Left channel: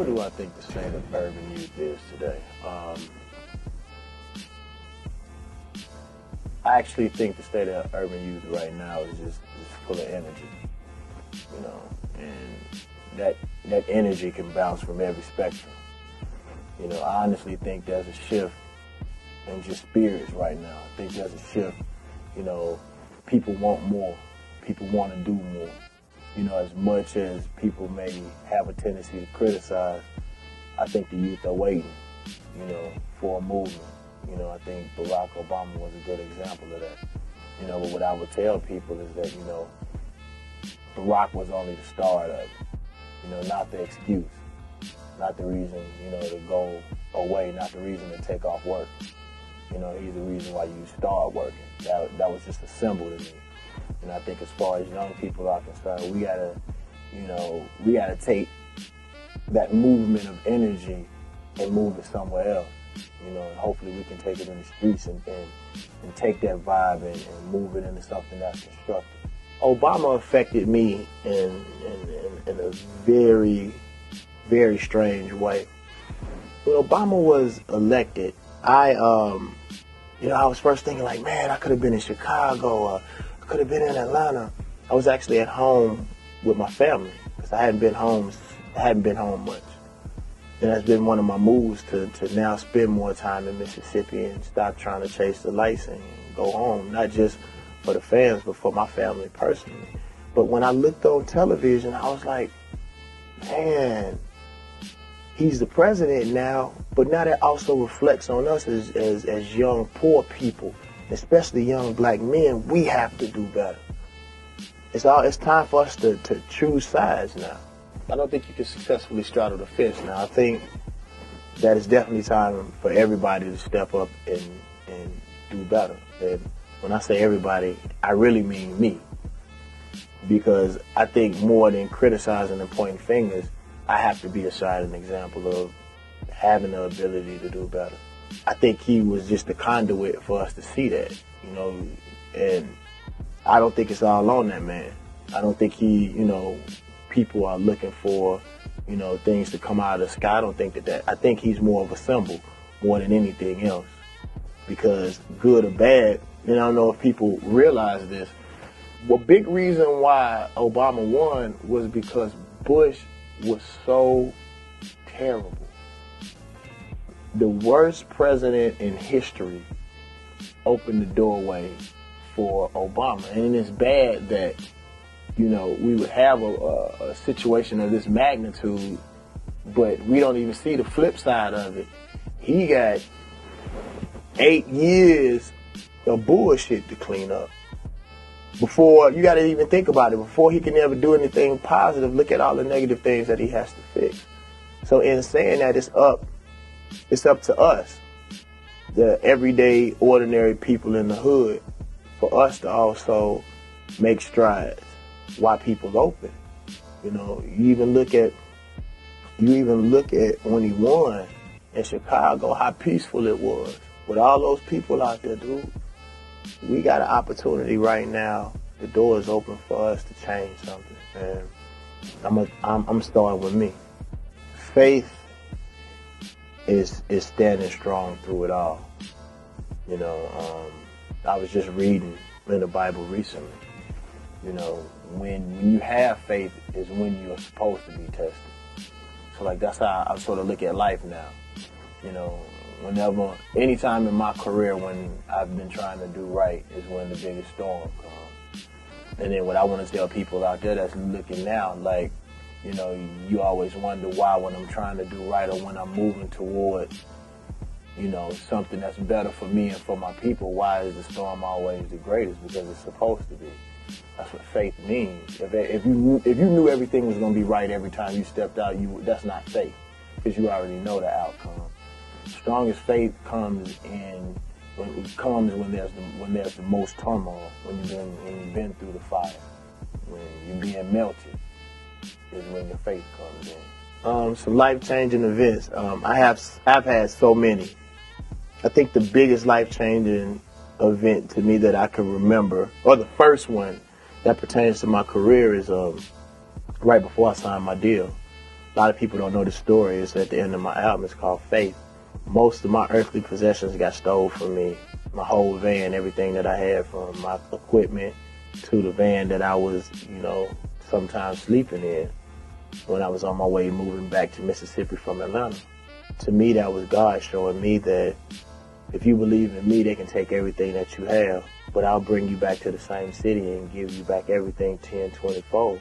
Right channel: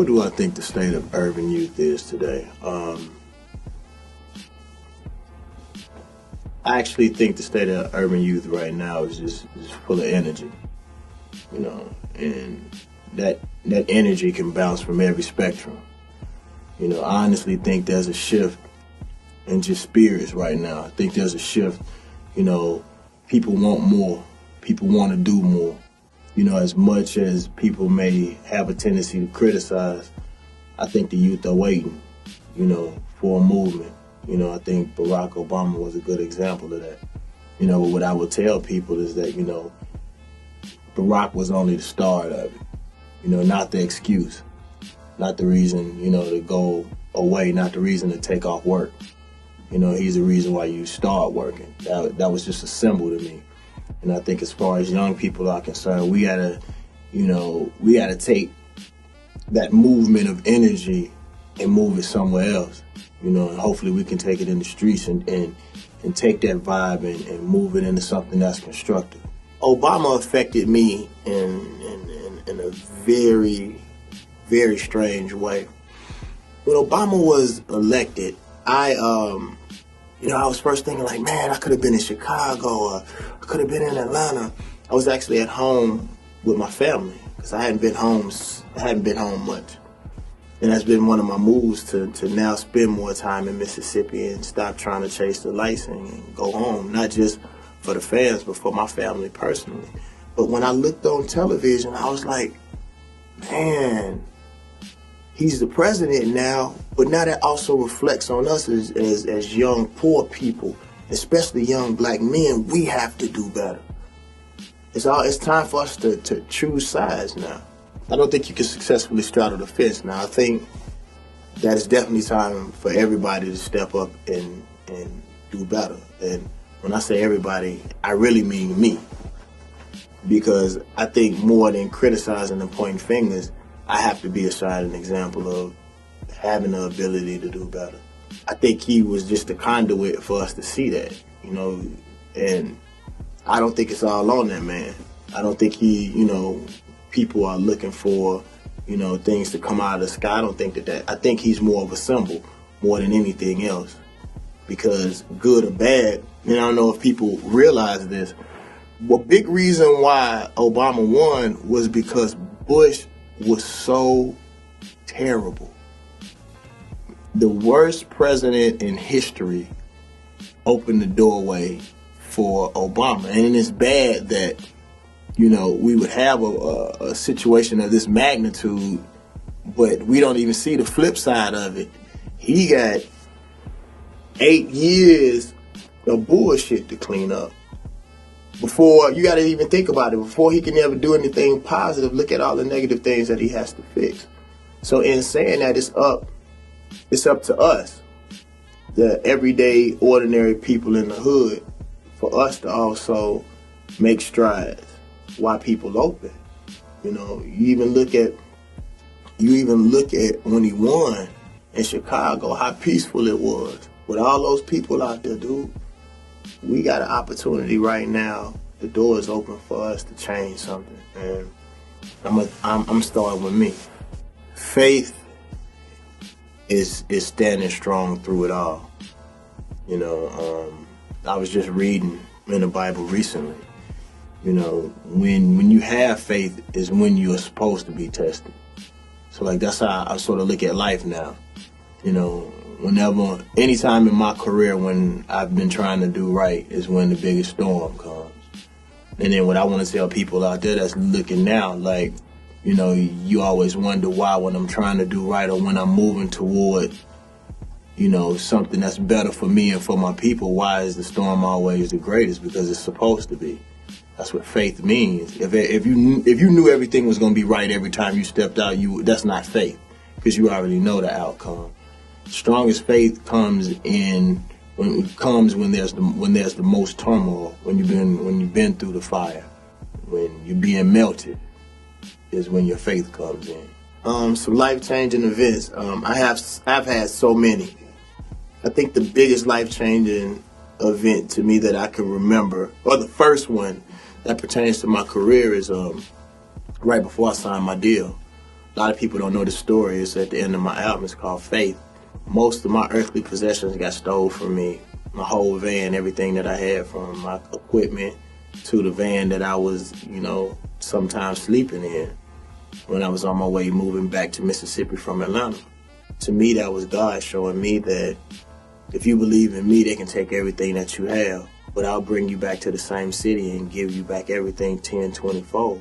What do I think the state of urban youth is today? I actually think the state of urban youth right now is just full of energy, you know, and that energy can bounce from every spectrum. You know, I honestly think there's a shift in just spirits right now. I think there's a shift, you know, people want more, people want to do more. You know, as much as people may have a tendency to criticize, I think the youth are waiting, you know, for a movement. You know, I think Barack Obama was a good example of that. You know, what I would tell people is that, you know, Barack was only the start of it, you know, not the excuse, not the reason, you know, to go away, not the reason to take off work. You know, he's the reason why you start working. That was just a symbol to me. And I think as far as young people are concerned, we gotta take that movement of energy and move it somewhere else. You know, and hopefully we can take it in the streets and take that vibe and move it into something that's constructive. Obama affected me in a very, very strange way. When Obama was elected, I was first thinking like, man, I could have been in Chicago or I could have been in Atlanta. I was actually at home with my family because I hadn't been home much. And that's been one of my moves to now spend more time in Mississippi and stop trying to chase the lights and go home, not just for the fans, but for my family personally. But when I looked on television, I was like, man, he's the president now, but now that also reflects on us as young, poor people, especially young black men. We have to do better. It's time for us to choose sides now. I don't think you can successfully straddle the fence now. I think that it's definitely time for everybody to step up and do better. And when I say everybody, I really mean me. Because I think more than criticizing and pointing fingers, I have to be a shining example of having the ability to do better. I think he was just a conduit for us to see that, you know, and I don't think it's all on that man. I don't think people are looking for, you know, things to come out of the sky. I don't think I think he's more of a symbol more than anything else. Because good or bad, and I don't know if people realize this, the big reason why Obama won was because Bush was so terrible. The worst president in history opened the doorway for Obama. And it's bad that, you know, we would have a situation of this magnitude, but we don't even see the flip side of it. He got 8 years of bullshit to clean up. Before, you gotta even think about it, before he can ever do anything positive, look at all the negative things that he has to fix. So in saying that, it's up to us, the everyday, ordinary people in the hood, for us to also make strides while people open. You know, you even look at when he won in Chicago, how peaceful it was. With all those people out there, dude, we got an opportunity right now. The door is open for us to change something. And I'm starting with me. Faith is standing strong through it all. You know, I was just reading in the Bible recently. You know, when you have faith is when you are supposed to be tested. So like that's how I sort of look at life now. You know, anytime in my career when I've been trying to do right is when the biggest storm comes. And then what I want to tell people out there that's looking now, like, you know, you always wonder why when I'm trying to do right or when I'm moving toward, you know, something that's better for me and for my people, why is the storm always the greatest? Because it's supposed to be. That's what faith means. If you knew everything was going to be right every time you stepped out, that's not faith, because you already know the outcome. Strongest faith comes when there's the most turmoil, when you've been through the fire, when you're being melted, is when your faith comes in. Some life-changing events. I've had so many. I think the biggest life-changing event to me that I can remember, or the first one that pertains to my career, is right before I signed my deal. lot of people don't know the story. It's at the end of my album. It's called Faith. Most of my earthly possessions got stole from me. My whole van, everything that I had, from my equipment to the van that I was, you know, sometimes sleeping in when I was on my way moving back to Mississippi from Atlanta. To me, that was God showing me that if you believe in me, they can take everything that you have, but I'll bring you back to the same city and give you back everything 10, 20-fold.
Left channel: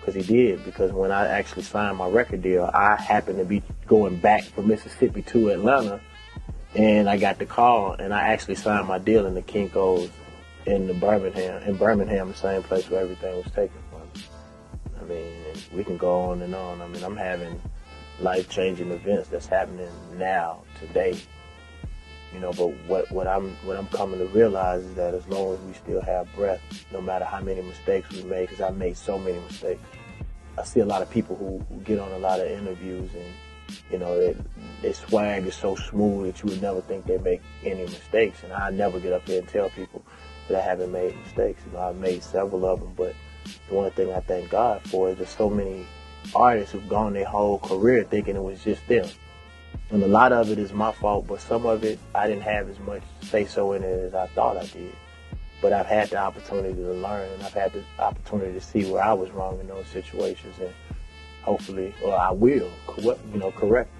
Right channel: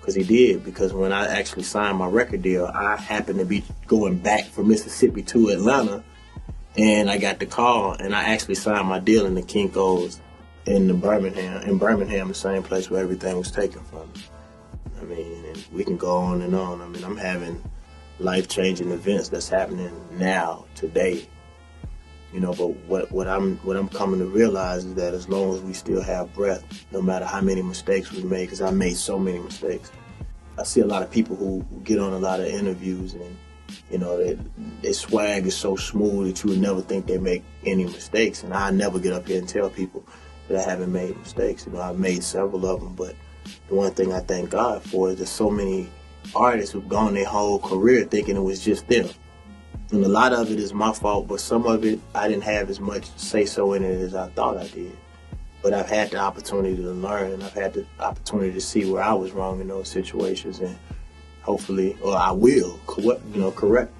Because he did. Because when I actually signed my record deal, I happened to be going back from Mississippi to Atlanta, and I got the call, and I actually signed my deal in the Kinko's in Birmingham, the same place where everything was taken from me. I mean, and we can go on and on. I mean, I'm having life-changing events that's happening now, today. You know, but what I'm coming to realize is that as long as we still have breath, no matter how many mistakes we make, because I made so many mistakes. I see a lot of people who get on a lot of interviews and, you know, their swag is so smooth that you would never think they make any mistakes. And I never get up here and tell people that I haven't made mistakes. You know, I've made several of them, but the one thing I thank God for is there's so many artists who've gone their whole career thinking it was just them. And a lot of it is my fault, but some of it I didn't have as much say-so in it as I thought I did. But I've had the opportunity to learn, and I've had the opportunity to see where I was wrong in those situations, and hopefully, or I will, correct